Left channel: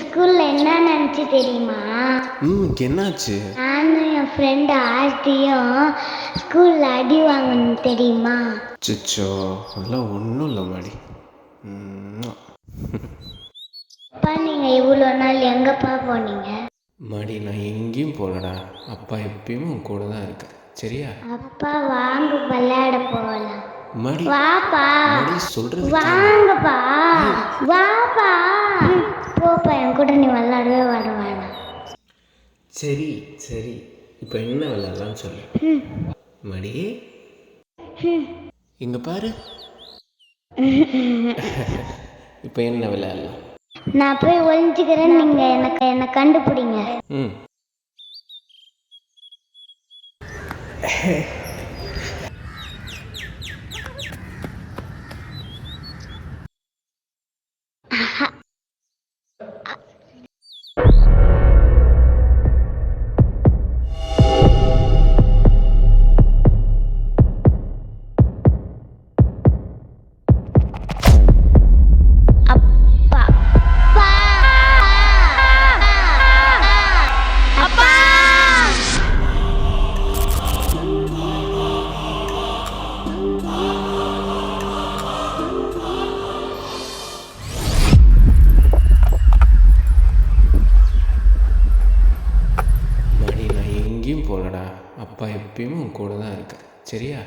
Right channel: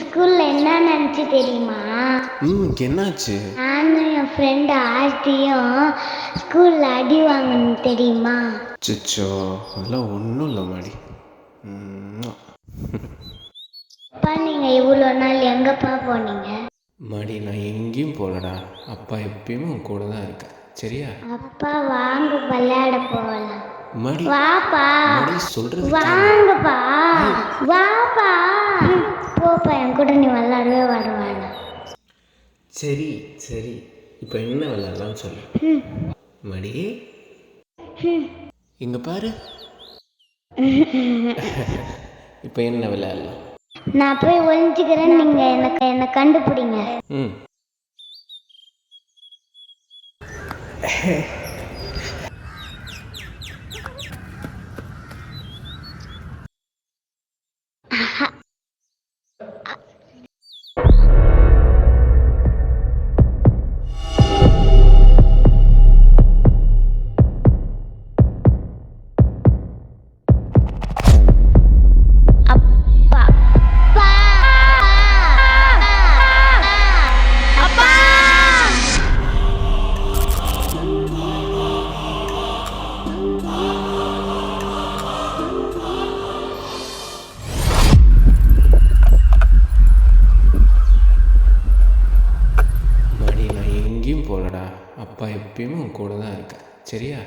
ஸ்கூல்ல என்ன நினச்சி தெரியுமா? என்னாச்சு? நானும் என் ஃப்ரெண்டு ஆர்த்தியும் ஸ்கூல்ல அடி வாங்கணும் தெரியுமா? சிச்சோ, அதெல்லாம் ஒன்றும் இல்லை மாடி. அப்பா, நீங்கள் இவ்வளோ நாள் எங்கப்பா போனீங்க? மாடி, நான் எங்கேயும் போகலடா. அப்பா எப்பயுமே உன் கூட தான் இருக்கேன், சரியா? அப்பா வாங்க விளையாட போகலாம். மாடி, வாப்பா, மாடி சொல்றது வாங்கப்பா, வாப்பா. போப்பா, என் கூட நீ விளையாடவே வேணாம். சரி சரி, இப்போ என்ன விளையாடலாம்னு சொல்லு மாடி. இங்க பாரு. இப்போ என்ன விளையாடலாம்? நான் போய் ஒளிஞ்சுக்கிறேன், நீங்க என்ன கண்டுபிடிங்க. அப்பா, அப்பா, மாடி, நான் எங்கேயும் போகலடா. அப்பா எப்பயுமே உன் கூட தான் இருக்கேன், சரியா?